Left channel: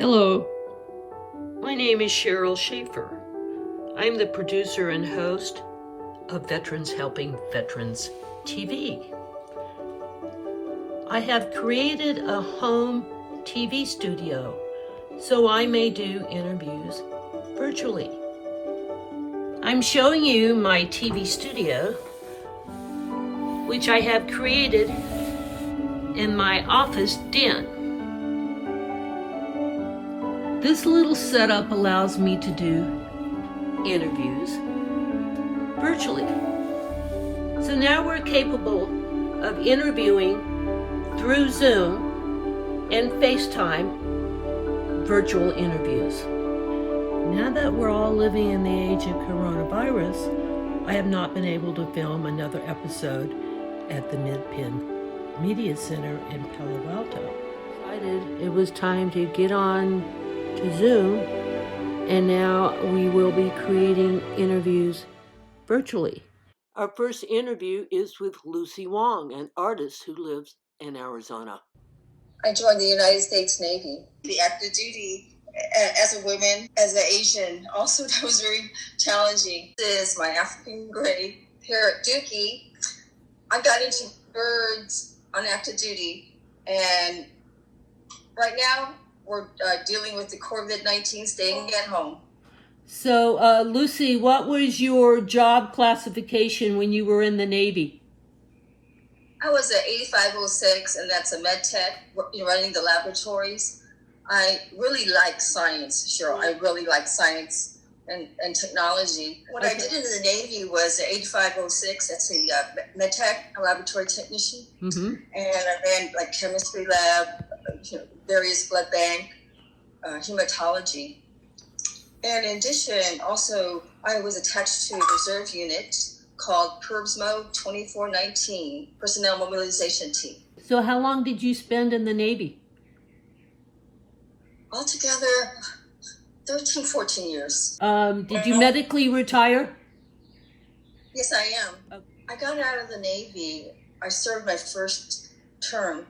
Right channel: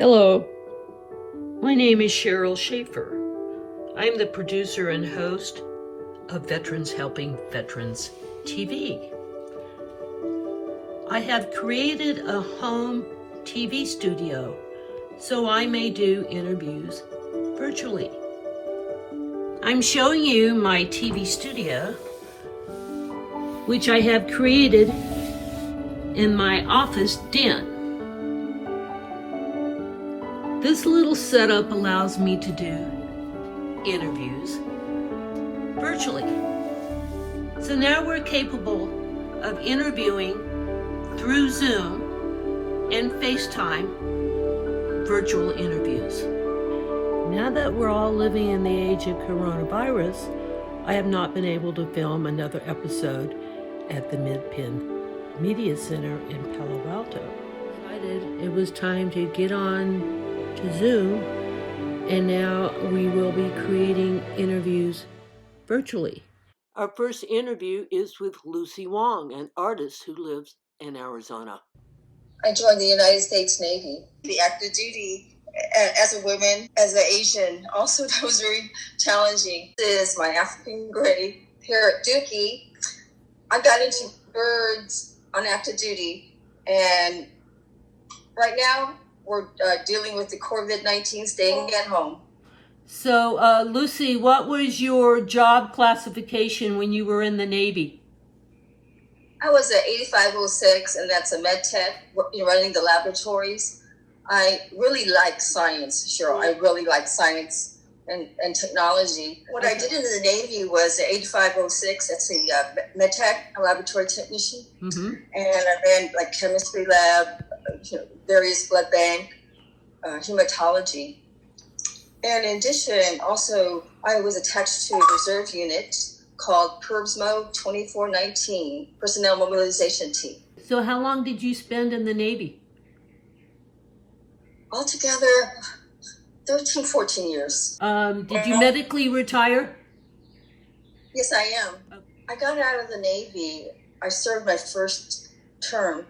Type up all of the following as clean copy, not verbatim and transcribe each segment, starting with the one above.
Hello, my name is Sheryl Shaffer. I'm the producer and host of Veterans Helping Veterans TV. I have created a home TV studio so I may do interviews virtually. I'm showing you my TV studio, which I have created in my office den. This little setup allows me to do interviews virtually. So now we're capable of interviewing through Zoom and FaceTime virtual interviews. Now that we're all living in the age of coronavirus, I have not been able to film another episode at the Mid-Penn Media Center in Palo Alto. It was time to get on to Zoom, and now we will be creating interviews virtually. Our first interview is with Lucy Wong, an artist who lives in Arizona. I joined the United States Navy, the active duty as a woman, as an Asian. Also, that was very challenging. This is my African grave here at Dukey. I got into birds on active duty, and right now we're dealing with the COVID-19, staying at home. So, Lucy, what was your job classification when you were in the Navy? I was at 8506, and that's a med tech, running the laboratories. I really like science, Cheryl. I really like science and technology. What I did in the Navy was at 8506, that's a med tech, a laboratory technician. Mm-hmm. And I ran like chemistry lab, various blood bank, hematology. And in addition, also, I was attached to a reserve unit called PERBSMO 2419, Personnel Mobilization Team. So how long did you spend in the Navy? Altogether, 13, 14 years. Did you medically retire? Yes, I am. Okay. I got out of the Navy. I served my first term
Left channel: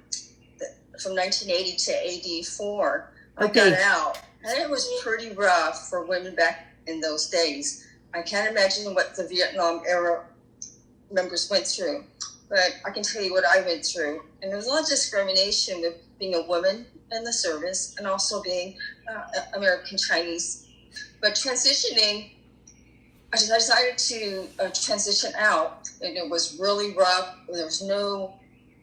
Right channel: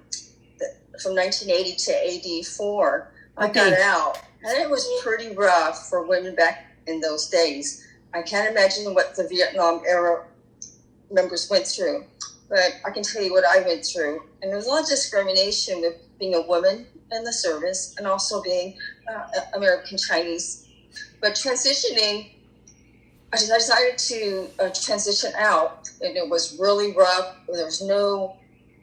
from 1980 to 84. I got out, and it was pretty rough for women back in those days. I can't imagine what the Vietnam era members went through, but I can tell you what I went through. And there was a lot of discrimination with being a woman in the service and also being American Chinese. But transitioning, I decided to transition out, and it was really rough. There was no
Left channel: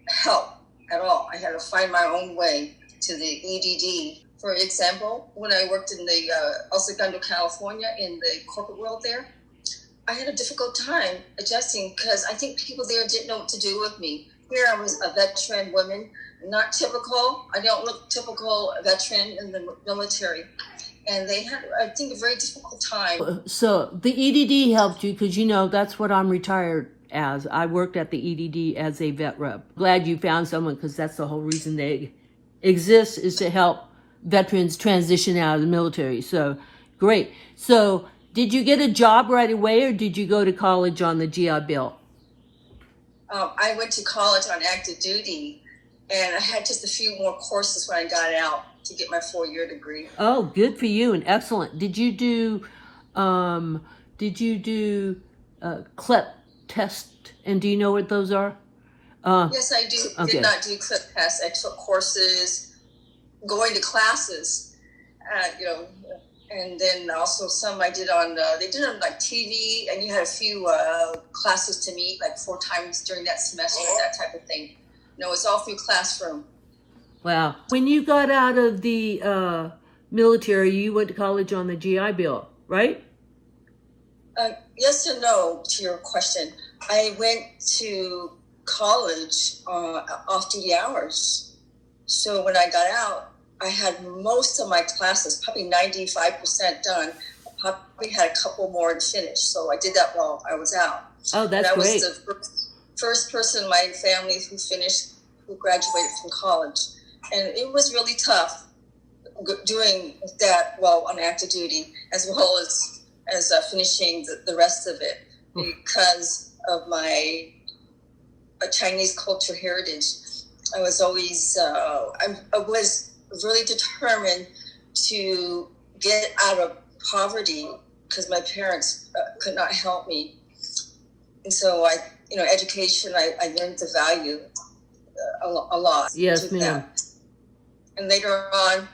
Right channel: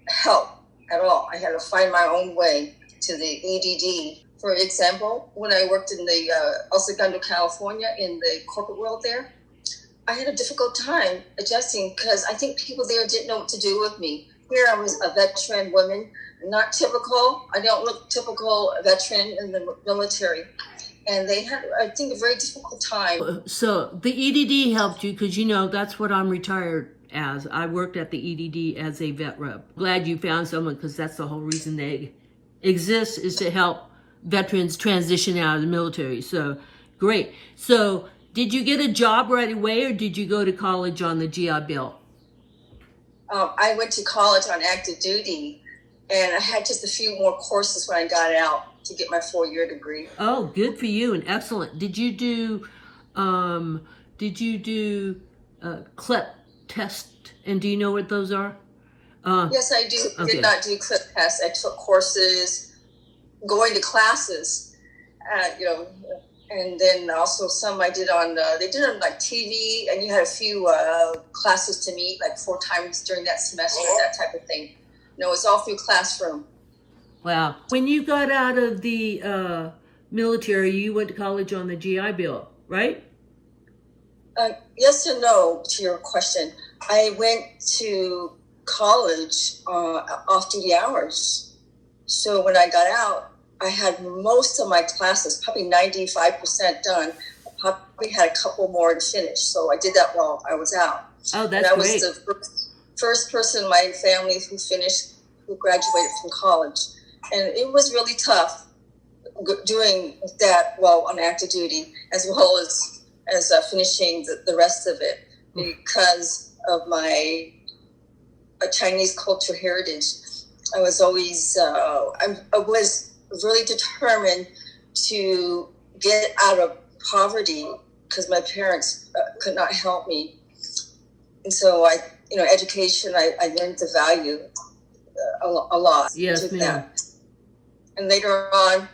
help at all. I had to find my own way to the EDD. For example, when I worked in the El Segundo, California, in the corporate world there, I had a difficult time adjusting because I think people there didn't know what to do with me. Here I was a veteran woman, not typical. I don't look typical veteran in the military. And they had, I think, a very difficult time. So the EDD helped you because, that's what I'm retired as. I worked at the EDD as a vet rep. Glad you found someone because that's the whole reason they exist, is to help veterans transition out of the military. So great. So did you get a job right away, or did you go to college on the GI Bill? I went to college on active duty, and I had just a few more courses when I got out to get my 4-year degree. Oh, good for you and excellent. Did you do CLEP test? And do you know what those are? Yes, I do. Okay. Did not do CLEP tests. I took courses, going to classes, and then also some I did on, they did on like TV, and you had a few classes to meet like 4 times during that semester, that type of thing. It's all through classroom. Wow. When you got out of the military, you went to college on the GI Bill, right? Yes and no to your question. I went to college off-duty hours. So when I got out, I had most of my classes, probably 95% done. I probably had a couple more to finish. So I did that while I was out. Oh, that's great. I was the first person in my family who graduated from college. And it was really tough doing that while on active duty, as well as finishing the rest of it, because of my Chinese culture heritage. I was always, I was really determined to get out of poverty because my parents could not help me. And so education, I learned the value a lot. Yes, ma'am. And later on,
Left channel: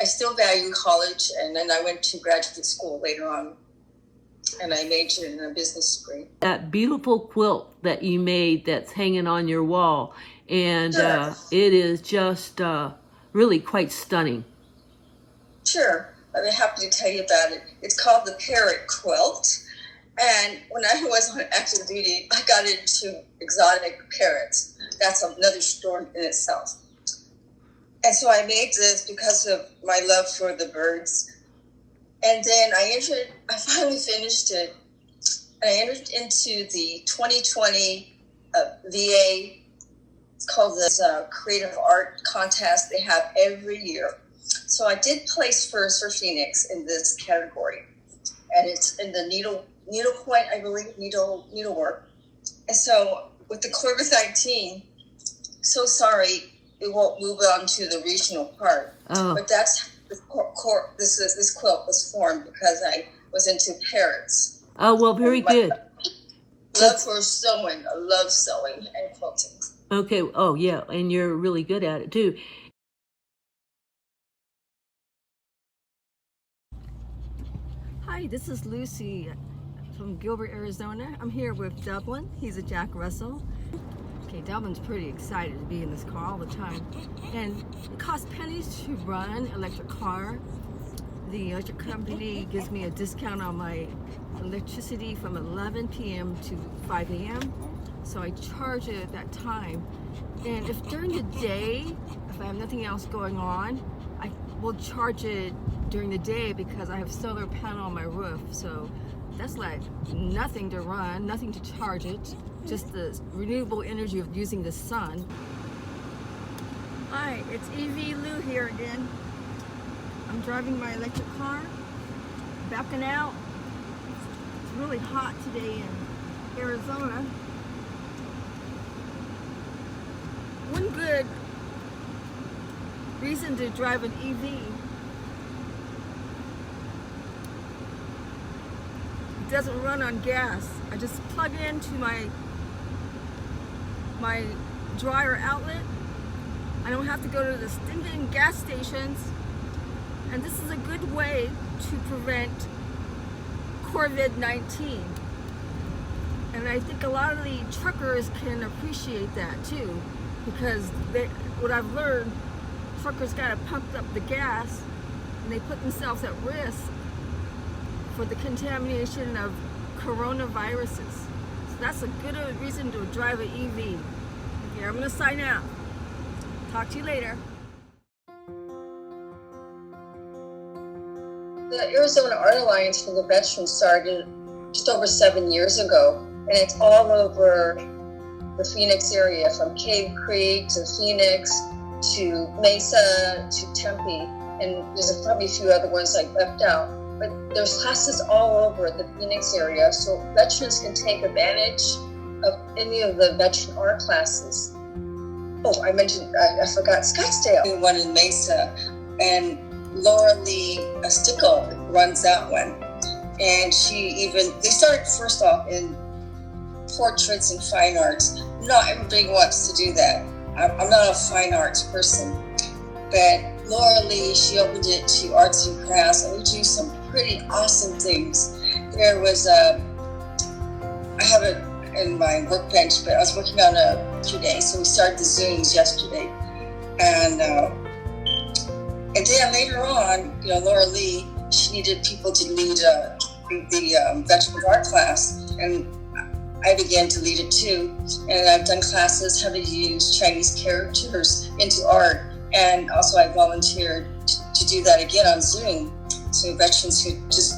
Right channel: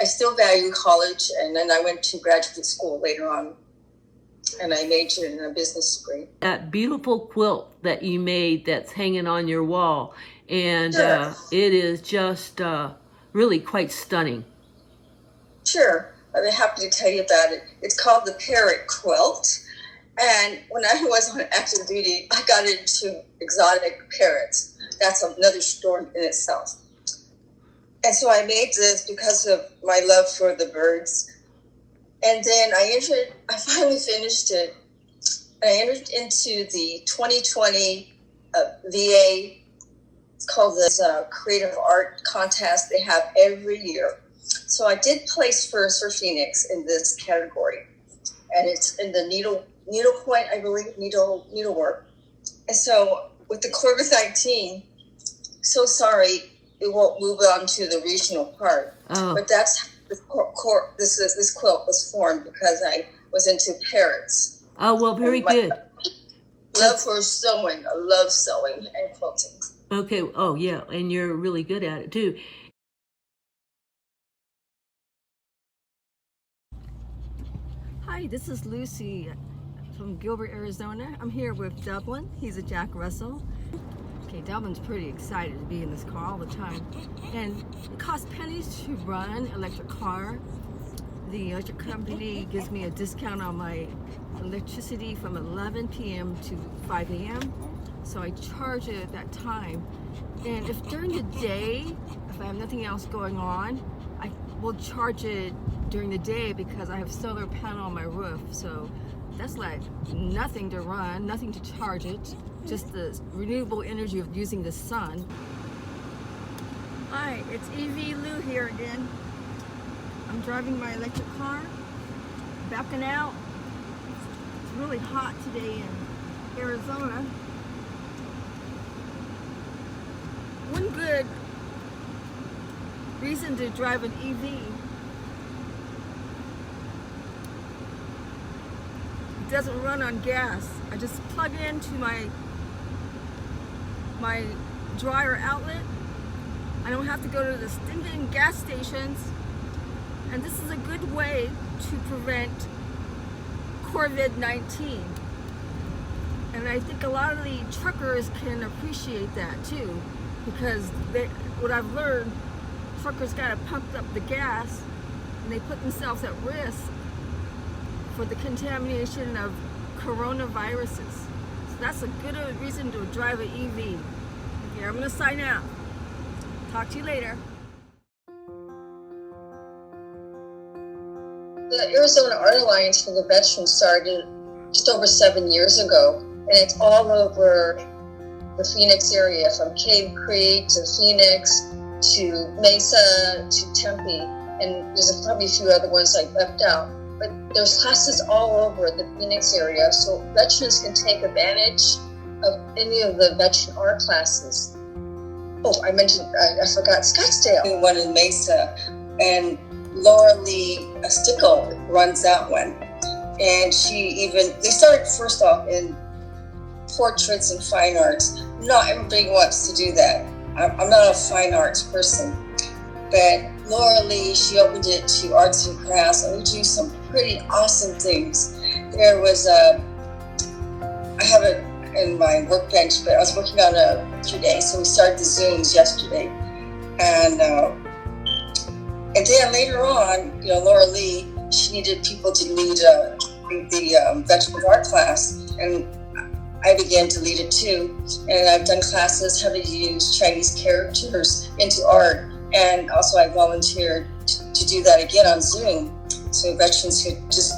I still value college, and then I went to graduate school later on, and I majored in a business degree. That beautiful quilt that you made that's hanging on your wall, and Sure. It is just really quite stunning. Sure, I'd be happy to tell you about it. It's called the Parrot Quilt, and when I was on active duty, I got into exotic parrots. That's another story in itself. And so I made this because of my love for the birds. And then I finally finished it. I entered into the 2020 VA, it's called this Creative Art Contest they have every year. So I did place first for Phoenix in this category. And it's in the needlepoint, I believe, needlework. And so with the COVID-19, so sorry, it won't move on to the regional part. Oh. But that's this quilt was formed because I was into parrots. Oh, well, very good. Love for sewing. I love sewing and quilting. Okay. Oh, yeah. And you're really good at it, too. Hi, this is Lucy from Gilbert, Arizona. I'm here with Dublin. He's a Jack Russell. Okay, Dublin's pretty excited to be in this car all the time. And it costs pennies to run an electric car. The electric company gives me a discount on my electricity from 11 p.m. to 5 a.m. So I charge it at that time. And if during the day, if I have nothing else going on, I will charge it during the day because I have solar panel on my roof. So that's like nothing to run, nothing to charge it, just the renewable energy of using the sun. Hi, it's EV Lou here again. I'm driving my electric car, backing out. It's really hot today in Arizona. One good reason to drive an EV, it doesn't run on gas. I just plug it into my dryer outlet. I don't have to go to the stinking gas stations. And this is a good way to prevent COVID-19. And I think a lot of the truckers can appreciate that too, because what I've learned, truckers gotta pump up the gas and they put themselves at risk for the contamination of coronaviruses. So that's a good reason to drive an EV. Okay, I'm gonna sign out. Talk to you later. The Arizona Art Alliance for the Veterans started just over 7 years ago, and it's all over the Phoenix area, from Cave Creek to Phoenix to Mesa to Tempe, and there's probably a few other ones I left out. But there's classes all over the Phoenix area, so veterans can take advantage of any of the veteran art classes. Oh, I forgot Scottsdale. One in Mesa, and Laura Lee Stickle runs that one. And they started first off in portraits and fine arts. Not everybody wants to do that. I'm not a fine arts person. But Laura Lee, she opened it to arts and crafts, and we do some pretty awesome things. There was I have it in my workbench, but I was working on it today, so we started the Zooms yesterday. And then later on, Laura Lee, she needed people to lead the veteran art class, and I began to lead it too. And I've done classes how to use Chinese characters into art, and also I volunteered to do that again on Zoom, so veterans could just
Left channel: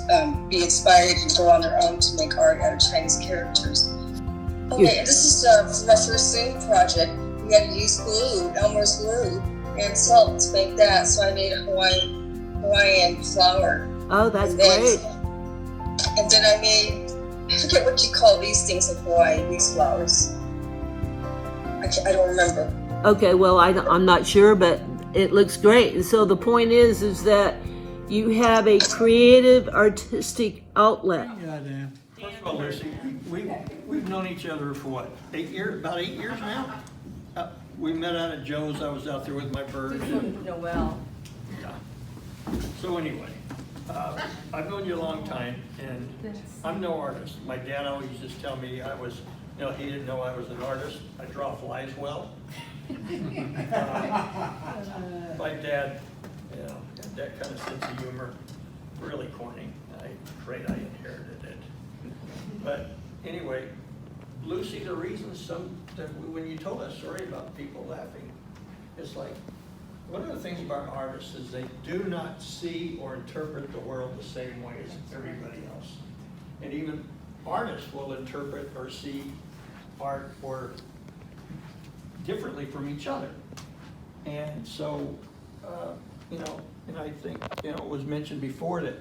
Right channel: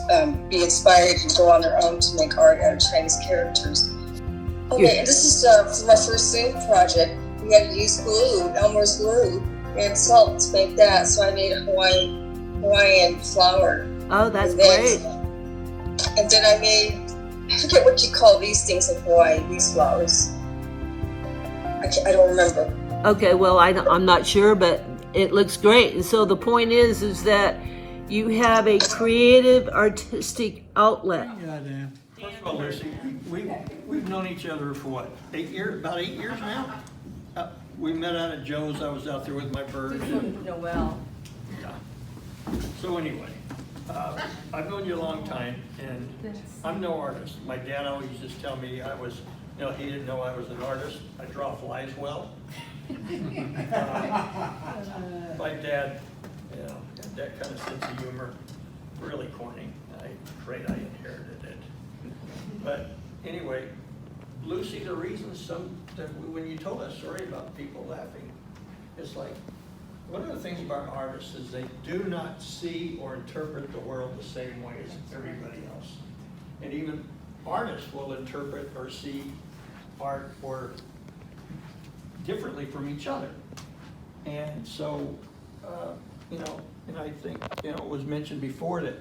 be inspired and go on their own to make art out of Chinese characters. Okay, this is for my first Zoom project. We had to use glue, Elmer's glue, and salt to make that. So I made a Hawaiian flower. Oh, that's great. And then I forget what you call these things in Hawaii, these flowers. I don't remember. Okay, well, I'm not sure, but it looks great. And so the point is that You have a creative, artistic outlet. Yeah, Dan. First of all, Lucy, we've known each other for what, 8 years? About 8 years now. We met out at Joe's. I was out there with my birds. Noel. Yeah. So anyway, I've known you a long time, and I'm no artist. My dad always used to tell me I was, he didn't know I was an artist. I draw flies well. My dad, had that kind of sense of humor, really corny. I'm afraid I inherited it. But anyway, Lucy, the reason when you told that story about people laughing, it's like, one of the things about artists is they do not see or interpret the world the same way as everybody else. And even artists will interpret or see art or differently from each other. And so, and I think, it was mentioned before that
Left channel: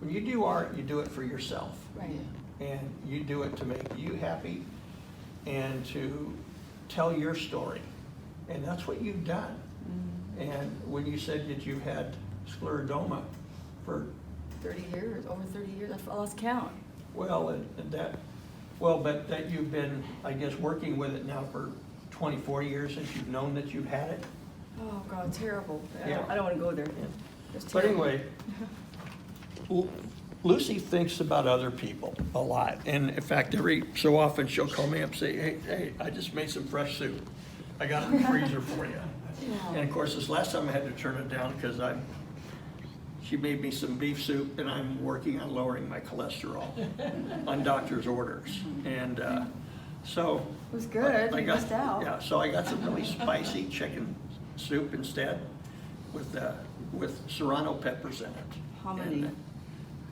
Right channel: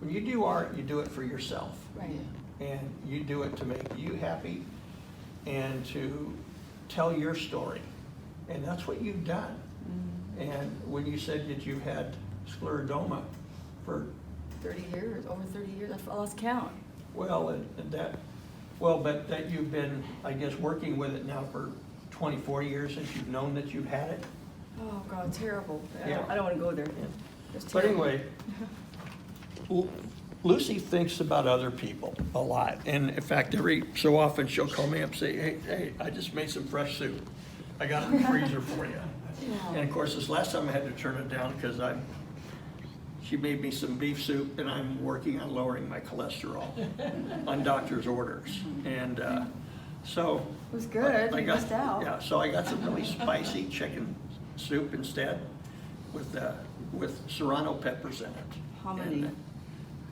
when you do art, you do it for yourself. Right. And you do it to make you happy and to tell your story. And that's what you've done. Mm-hmm. And when you said that you've had scleroderma for 30 years, over 30 years, I lost count. Well, but that you've been, I guess, working with it now for 24 years since you've known that you've had it. Oh God, terrible. Yeah. I don't want to go there. Yeah. But anyway, Lucy thinks about other people a lot. And in fact, every so often she'll call me up and say, hey, I just made some fresh soup. I got it in the freezer for you. Yeah. And of course, this last time I had to turn it down because she made me some beef soup, and I'm working on lowering my cholesterol on doctor's orders. And so it was good. I missed out. Yeah, so I got some really spicy chicken soup instead with serrano peppers in it. How many? And,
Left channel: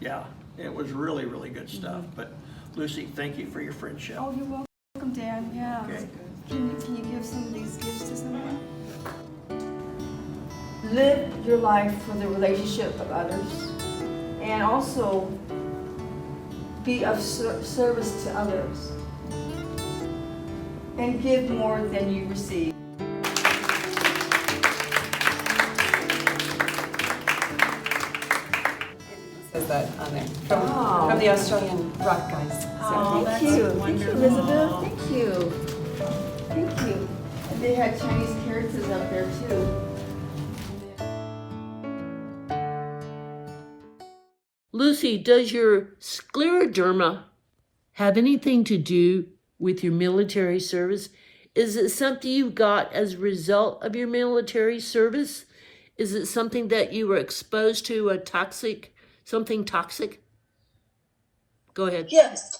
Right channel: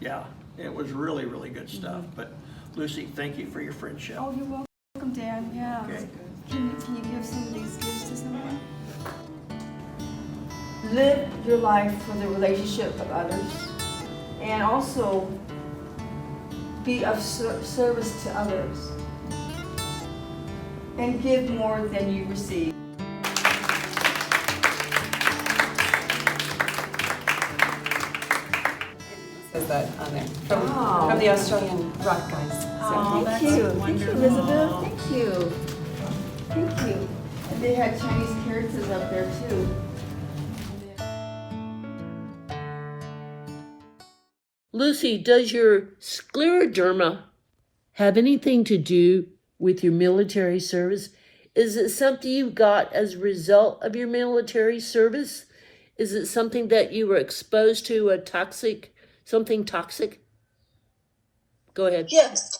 yeah, it was really, really good stuff. Mm-hmm. But Lucy, thank you for your friendship. Oh, you're welcome, Dan. Yeah. Okay. Can you give some of these gifts to someone? Live your life for the relationship of others, and also be of service to others, and give more than you receive. Says that on there from the Australian rock guys. Oh, thank you. Thank you, Elizabeth. Thank you. Thank you. And they had Chinese characters up there too. Lucy, does your scleroderma have anything to do with your military service? Is it something you got as a result of your military service? Is it something that you were exposed to something toxic? Go ahead. Yes.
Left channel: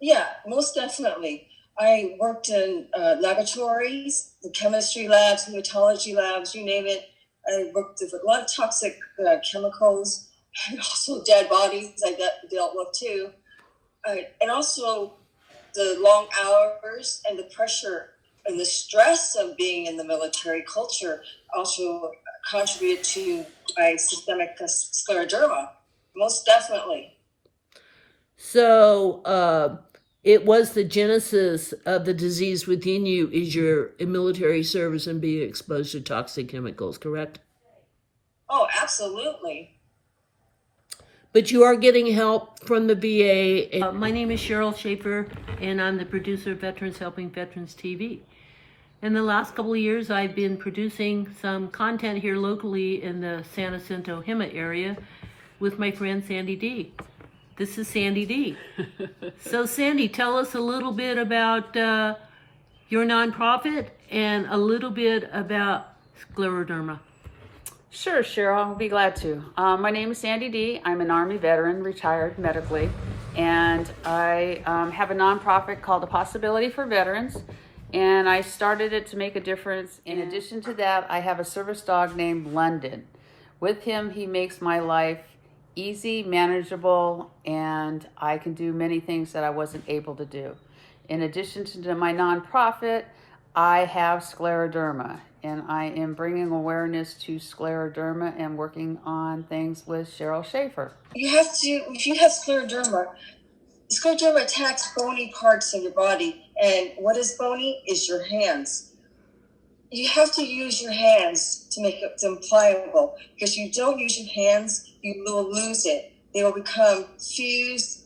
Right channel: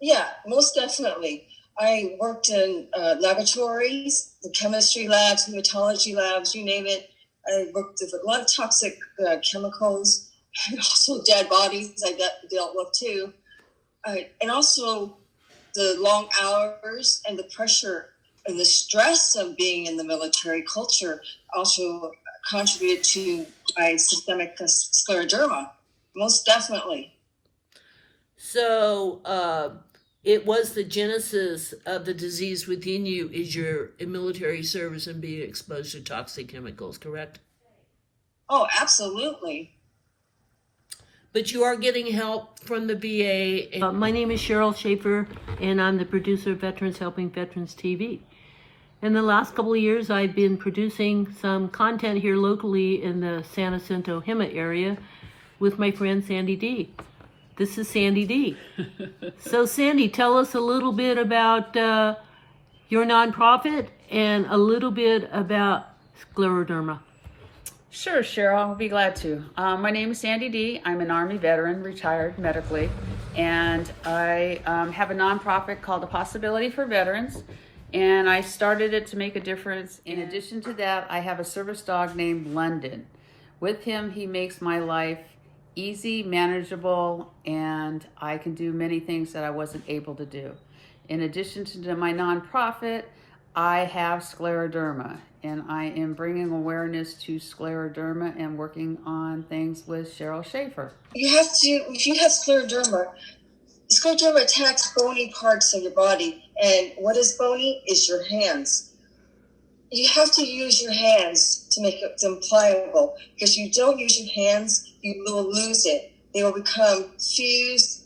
Yeah, most definitely. I worked in laboratories, the chemistry labs, hematology labs, you name it. I worked with a lot of toxic chemicals, and also dead bodies I dealt with too. And also the long hours and the pressure and the stress of being in the military culture also contributed to my systemic scleroderma, most definitely. So it was the genesis of the disease within you is your military service and being exposed to toxic chemicals, correct? Oh, absolutely. But you are getting help from the VA. My name is Sheryl Shaffer, and I'm the producer of Veterans Helping Veterans TV. In the last couple of years, I've been producing some content here locally in the San Jacinto Hema area with my friend Sandy Dee. This is Sandy Dee. So Sandy, tell us a little bit about your nonprofit and a little bit about scleroderma. Sure, Sheryl, I'll be glad to. My name is Sandy Dee. I'm an Army veteran, retired medically, and I have a nonprofit called A Possibility for Veterans, and I started it to make a difference. In addition to that, I have a service dog named London. With him, he makes my life easy, manageable, and I can do many things that I wasn't able to do. In addition to my nonprofit, I have scleroderma, and I am bringing awareness to scleroderma and working on things with Sheryl Shaffer. If you have scleroderma attacks bony parts of your body, and what is bony is your hands. you have to use your hands to make them pliable, because if you don't use your hands, you will lose it. They will become fused,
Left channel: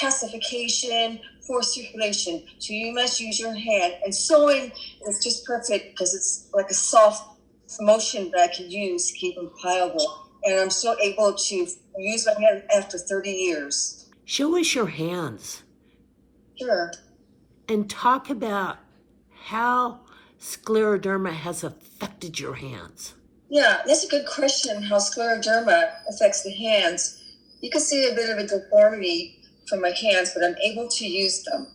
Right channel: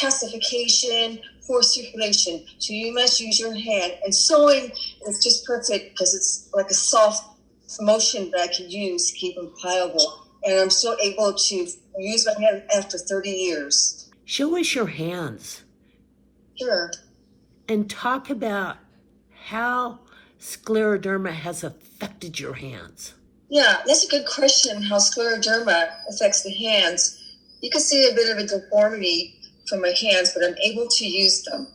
calcification, poor circulation. So you must use your hand. And sewing is just perfect because it's like a soft motion that I can use to keep them pliable. And I'm still able to use my hand after 30 years. Show us your hands. Sure. And talk about how scleroderma has affected your hands. Yeah, that's a good question, how scleroderma affects the hands. You can see a bit of a deformity from my hands, but I'm able to use them.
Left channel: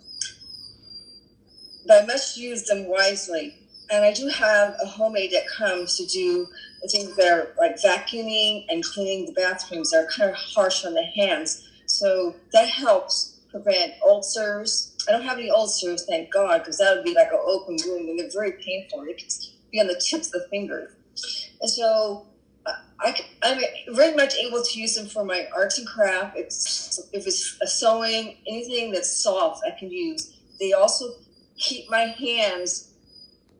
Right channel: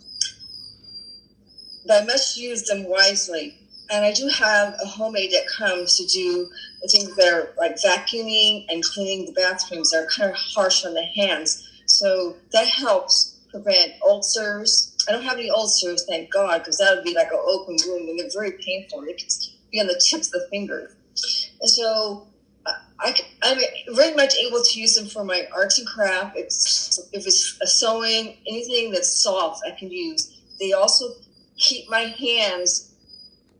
But I must use them wisely. And I do have a homemade that comes to do the things that are like vacuuming and cleaning the bathrooms that are kind of harsh on the hands. So that helps prevent ulcers. I don't have any ulcers, thank God, because that would be like an open wound, and they're very painful. They can be on the tips of the fingers. And so I'm very much able to use them for my arts and craft. If it's a sewing, anything that's soft, I can use. They also keep my hands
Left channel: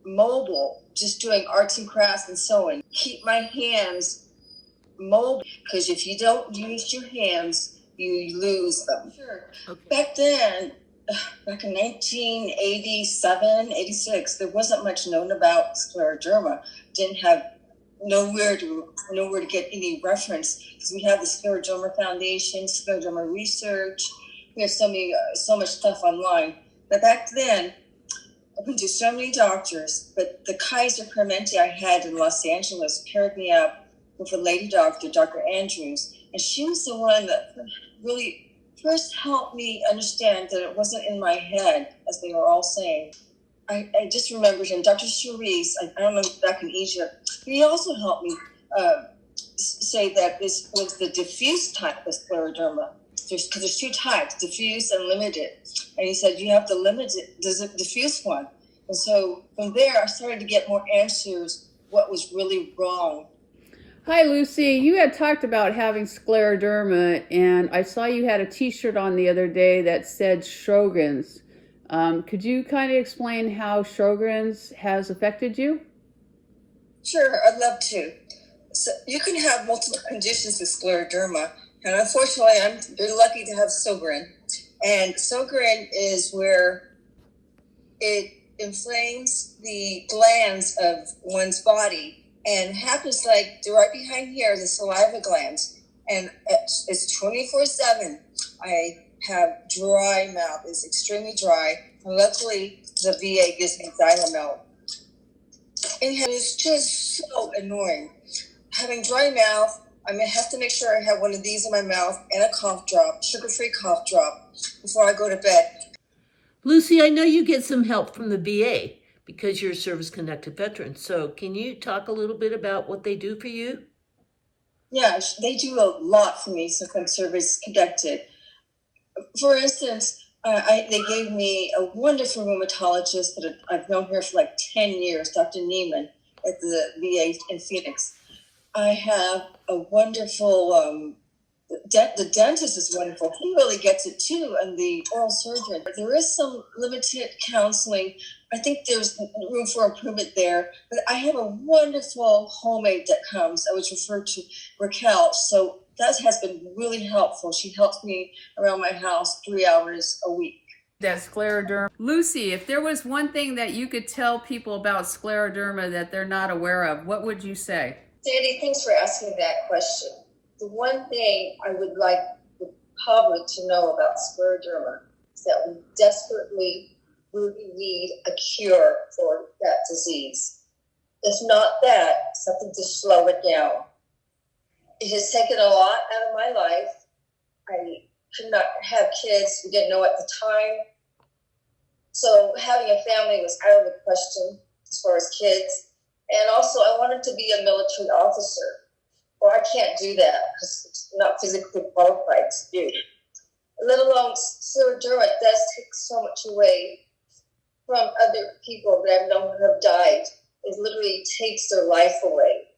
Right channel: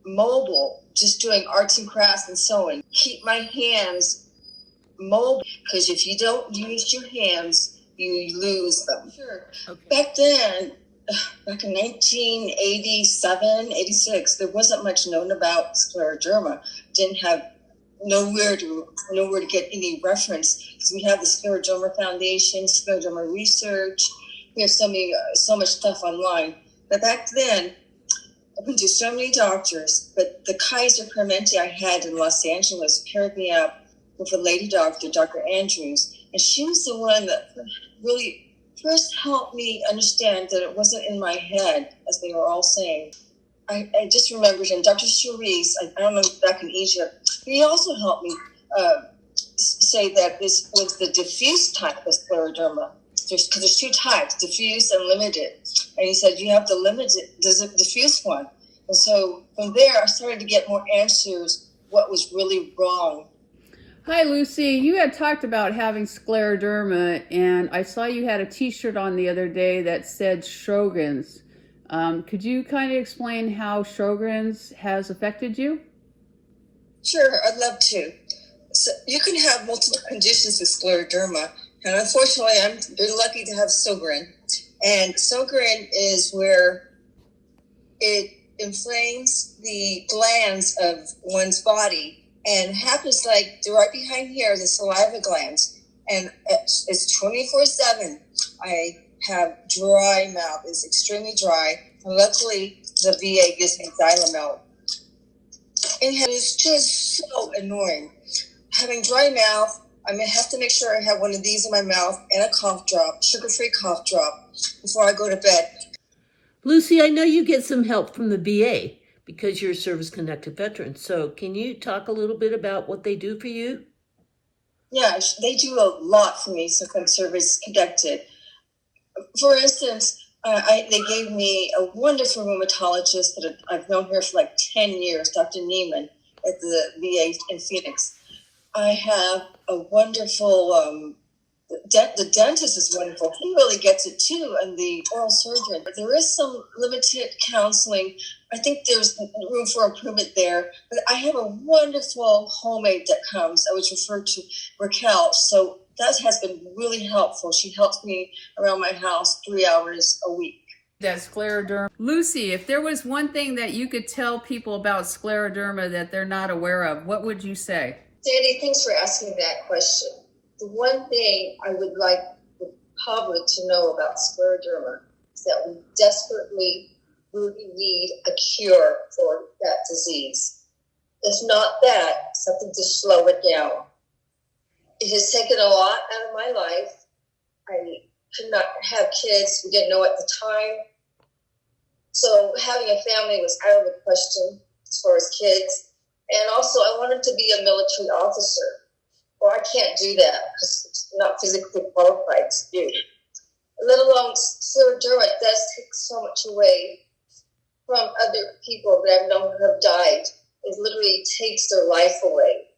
mobile, just doing arts and crafts and sewing. Keep my hands mobile, because if you don't use your hands, you lose them. Sure. Okay. Back then, back in 1987, 86, there wasn't much known about scleroderma. Didn't have nowhere to get any reference, because we have the Scleroderma Foundation, Scleroderma Research. We have so much stuff online. But back then, I went to so many doctors, but the Kaiser Permanente I had in Los Angeles paired me up with a lady doctor, Dr. Andrews, and she was the one that really first helped me understand that it wasn't in my head, as they were all saying. I just remembered him, Dr. Sheryl, I don't know, back in Egypt. He also helped me say that this was the diffuse type of scleroderma. Because there's two types, diffuse and limited. And he said, you have the limited, the diffuse one. And so from there, I started to get more answers what was really wrong. Hi, Lucy. You had talked about having scleroderma, and I saw you had a t-shirt on the other day that said Sjogren's. Could you kind of explain how Sjogren's has affected you? Sure, I'd love to. So you can have multiple conditions with scleroderma, and unfortunately, I'm very lucky to have Sjogren. And Sjogren is where it inflames the glands of one's body, and it happens like right behind here, the saliva glands, and it's 24/7. I have dry mouth. It's extremely dry. And luckily, the VA gives me Xylomel. And it's just so annoying. Having dry mouth, I may have to make sure I have one of these in my mouth and a cough drop, sugar-free cough drop, before I go to bed. Lucy, I know you get some help from the VA because you're a service-connected veteran. So can you talk a little bit about what they do for you? Yeah, they do a lot for me since I'm service-connected. For instance, they gave me a wonderful rheumatologist that I've known her for like 10 years, Dr. Neiman at the VA in Phoenix. I have a wonderful, the dentist is wonderful. He really gets it too, and the oral surgeon. There is some limited counseling. I think there's room for improvement there, but I have a wonderful homemade that comes. I was referred to Raquel, so that has been really helpful. She helps me around my house 3 hours a week. That's scleroderma. Lucy, if there was one thing that you could tell people about scleroderma that they're not aware of, what would you say? Sandy, thanks for asking that question. The one thing I would like the public to know about scleroderma is that we desperately really need a cure for that disease. If not that, something to slow it down. It has taken a lot out of my life. I could not have kids. We didn't know at the time. So having a family was out of the question as far as kids. And also, I wanted to be a military officer. Well, I can't do that because it's not physically qualified to do. Let alone scleroderma does take so much away from other people that I've known who have died. It literally takes their life away.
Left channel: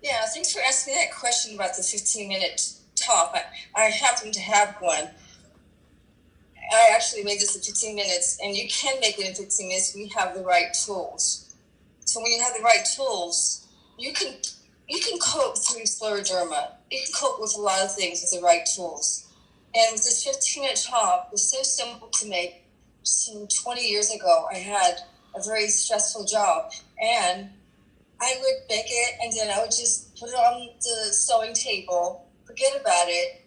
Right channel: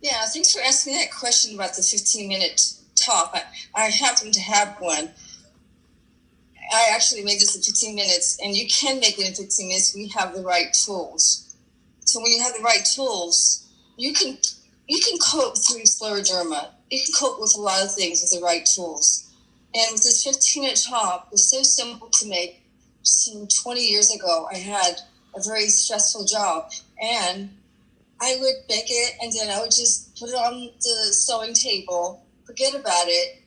Yeah, thanks for asking me that question about the 15-minute talk. I happen to have one. I actually made this in 15 minutes, and you can make it in 15 minutes when you have the right tools. So when you have the right tools, you can cope through scleroderma. You can cope with a lot of things with the right tools. And with this 15-minute talk, it was so simple to make. Some 20 years ago, I had a very stressful job, and I would make it, and then I would just put it on the sewing table, forget about it.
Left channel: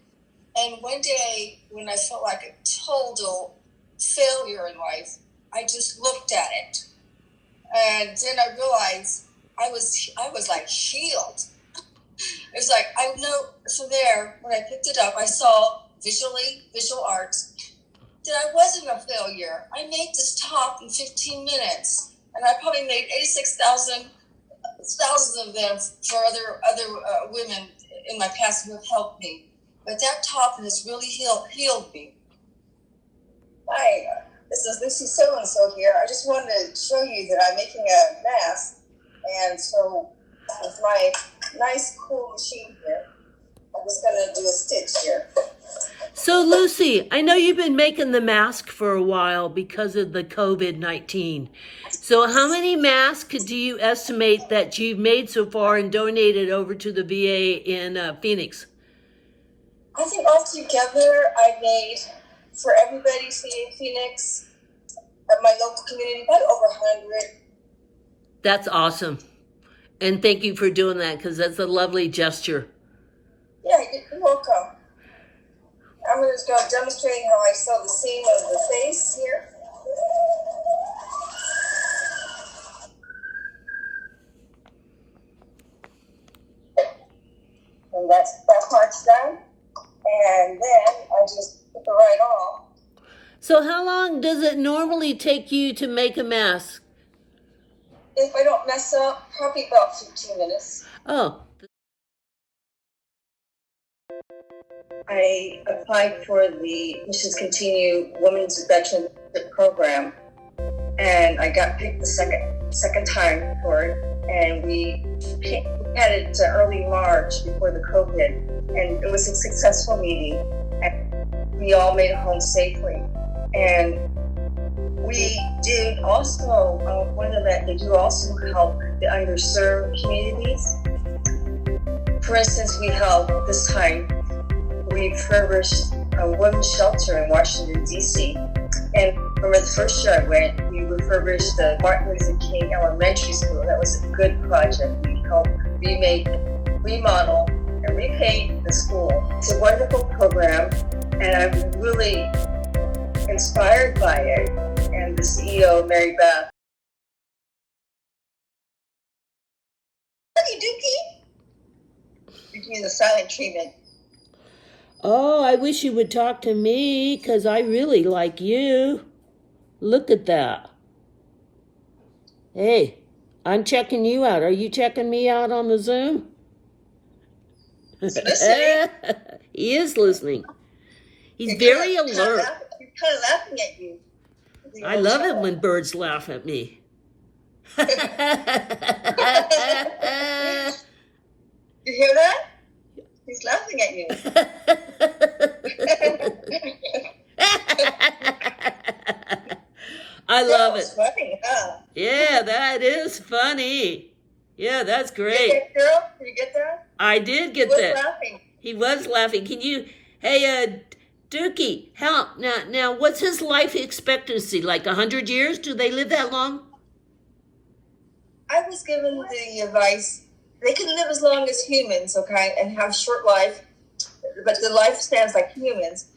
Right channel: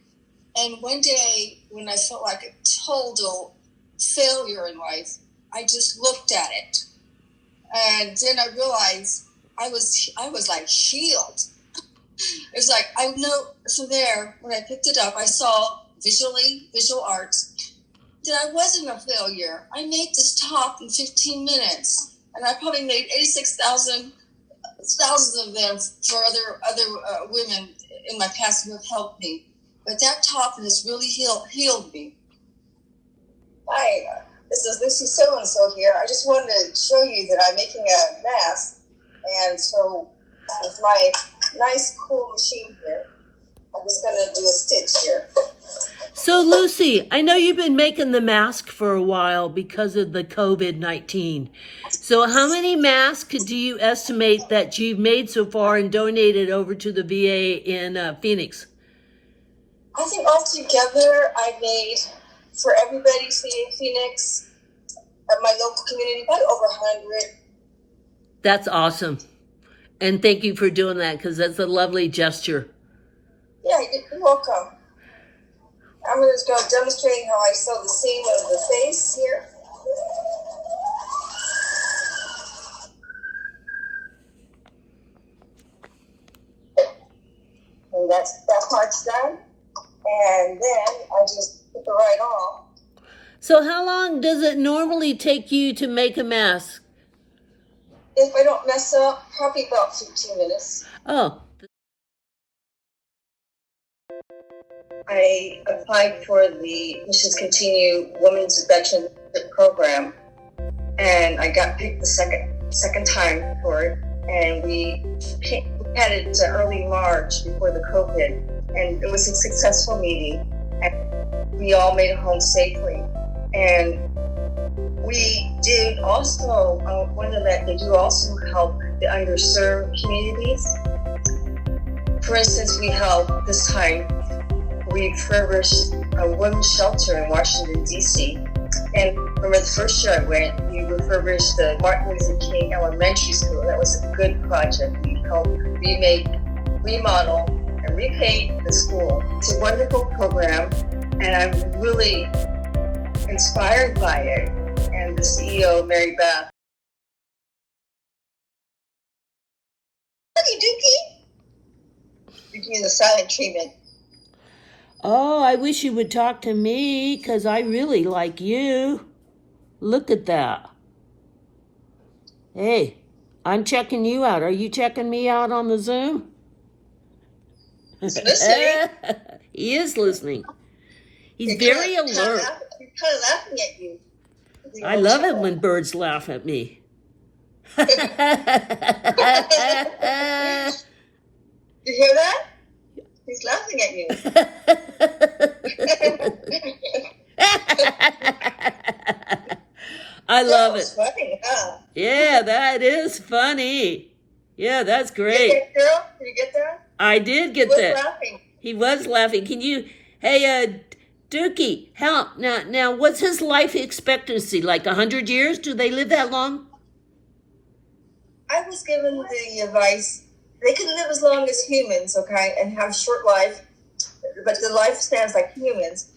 And one day, when I felt like a total failure in life, I just looked at it. And then I realized I was like healed. It's like, I know, so there, when I picked it up, I saw visual arts, that I wasn't a failure. I made this top in 15 minutes, and I probably made 86,000 thousands of them for other women in my past who have helped me. But that top has really healed me. Hi, this is Lucy So-and-so here. I just wanted to show you that I'm making a mask. And so with my nice, cool machine here, I'm just going to do a stitch here. So Lucy, I know you've been making the mask for a while because of the COVID-19. So how many masks do you estimate that you've made so far and donated over to the VA in Phoenix? I think altogether I made for everybody in Phoenix, at my local community, about over 100. That's awesome. And thank you for doing that, because that's a lovely gesture. Yeah, you're welcome. I'm just going to demonstrate how I sew the seam of the face here. And that part's done. And then I just put the right on. So how long does it normally take you to make a mask? If I don't mess up, probably about 15 minutes. Oh. I applied for the Missions Continue Women's Veteranship Program, and I got picked the second time for it. And we had it early March before the COVID, and it was a successful meeting. And we all made it home safely. And we did also one event. They do also help the underserved communities. For instance, we held this time. We refurbished a women's shelter in Washington, D.C. And remember the first year I went, we refurbished the Martin Luther King Elementary School. That was a good project. We helped remodel, and repaint the school. It's a wonderful program, and I'm really inspired by it. And the CEO, Mary Beth. Hey, Dukey. Dukey is a silent treatment. Oh, I wish you would talk to me, because I really like you. Look at that. Hey, I'm checking you out. Are you checking me out on the Zoom? He is listening. He's very alert. He's kind of laughing at you. I love it when birds laugh at me. You hear that? He's laughing at you. I love it. Funny, huh? Yeah, that is funny. Yeah, that's great. Did you get that? Did you get that? I did get He was that. laughing. He was laughing. Can you, hey, Dukey, now, what's his life expectancy? Like 100 years? Do they live that long? I was given the advice, they can live as long as humans, okay, and have short life, but the lifespans like humans.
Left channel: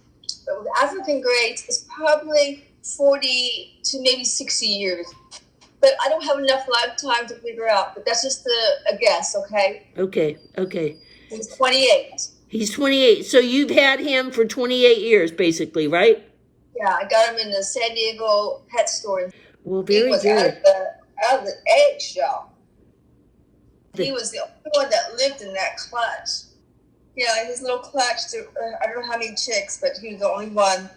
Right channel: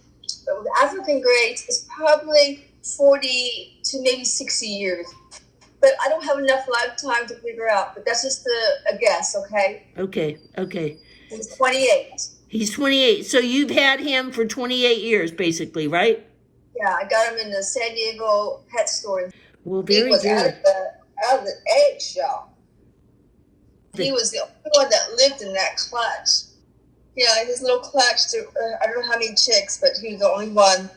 But with African grades, it's probably 40 to maybe 60 years. But I don't have enough lifetime to figure out, but that's just a guess, okay? Okay. He's 28. He's 28. So you've had him for 28 years, basically, right? Yeah, I got him in the San Diego pet store. Well, very He was good. out of the eggshell. He was the only one that lived in that clutch. Yeah, his little clutch. I don't know how many chicks, but he was the only one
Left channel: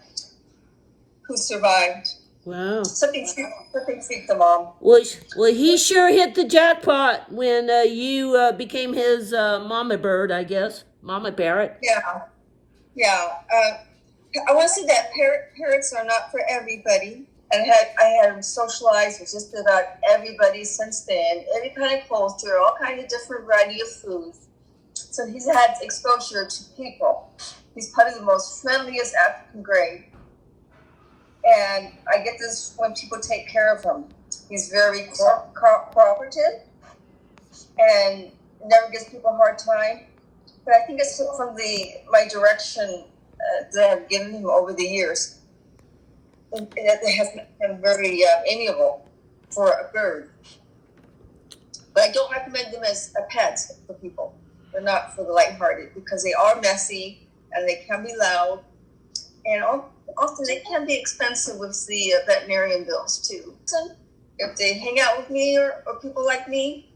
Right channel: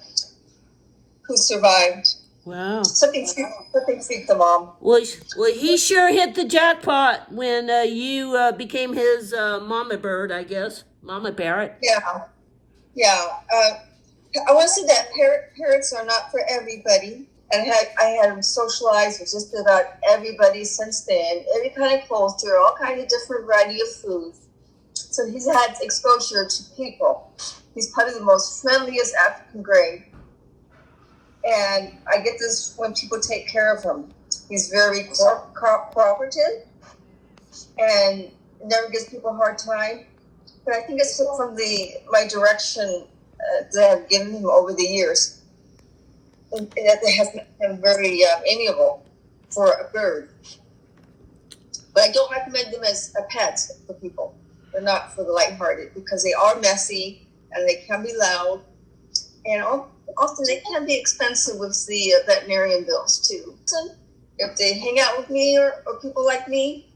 who survived. Wow. Something freaked the mom. Well, he sure hit the jackpot when you became his mama bird, I guess. Mama parrot. Yeah. I want to say that parrots are not for everybody. And I had socialized with just about everybody since then. Every kind of culture, all kind of different variety of foods. So he's had exposure to people. He's probably the most friendliest African gray. And I get this when people take care of him. He's very cooperative and never gives people a hard time. But I think it's from my direction that I've given him over the years. And that has been very amiable for a bird. But I don't recommend them as a pet for people. They're not for the lighthearted because they are messy and they can be loud. And often they can be expensive with the veterinarian bills too. So if they hang out with me or people like me,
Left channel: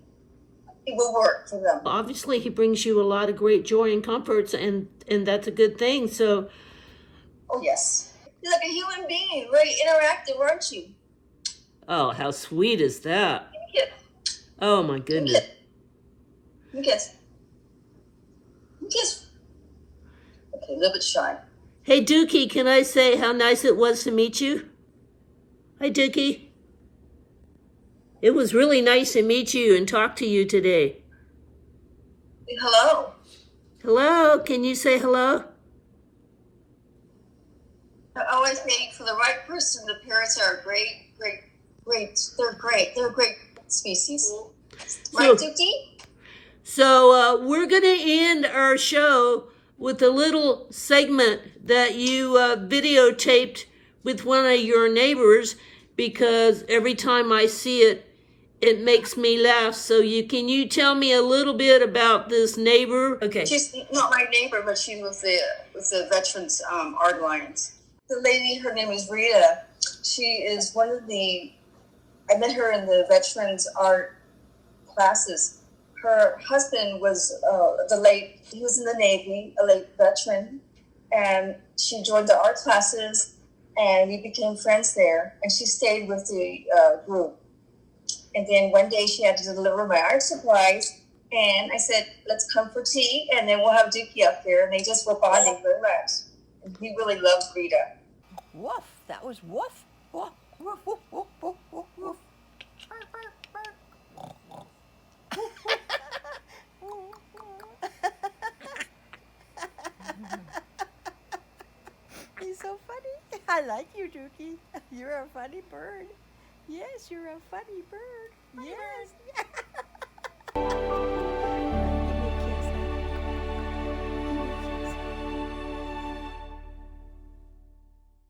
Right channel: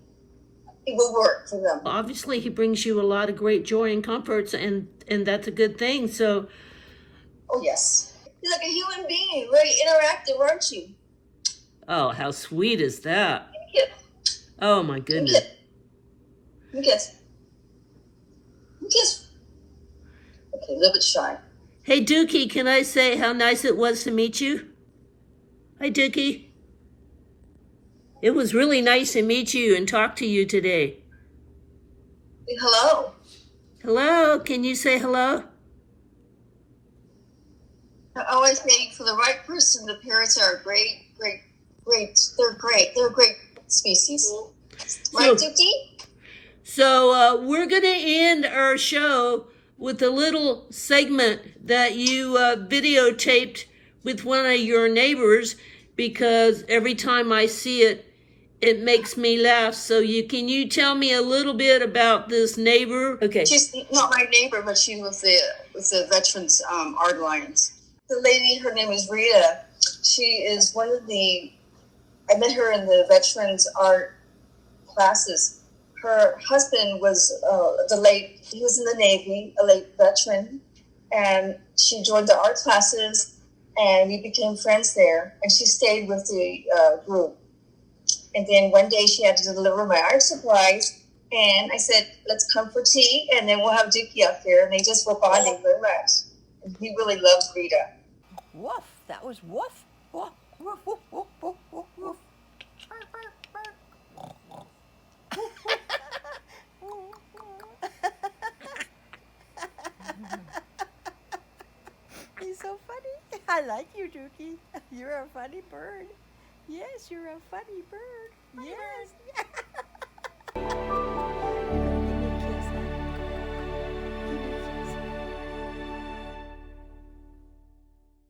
it will work for them. Obviously, he brings you a lot of great joy and comforts, and that's a good thing. So, oh yes, he's like a human being, very interactive, aren't you? oh, how sweet is that? Yes. Oh my goodness. Yes. Yes. Okay, a little bit shy. Hey, Dukey, can I say how nice it was to meet you? Hi, Dukey. It was really nice to meet you and talk to you today. Hello. Hello, can you say hello? I always say for the right person, the parrots are great. They're great. They're a great species. Right, Dukey? So we're going to end our show with a little segment that you videotaped with one of your neighbors, because every time I see it, it makes me laugh. So can you tell me a little bit about this neighbor? Okay. She's not my neighbor, but she's with the Veterans Art Alliance. The lady, her name is Rita. She is one of I met her in the Veterans Art classes. Her husband was he was in the Navy, a late veteran, and she joined the art classes, and we became friends there, and she stayed with the group. And then one day she had to deliver my art supplies, and I said, let's come for tea, and then we'll have Dukey up there, and they just were bonding very much. And he really loves Rita. Woof, that was woof. Woof, woof, woof, woof, woof, woof, woof. He's so funny. I like you, Dukey. You're a funny bird. Yes, you're a funny bird. Yes.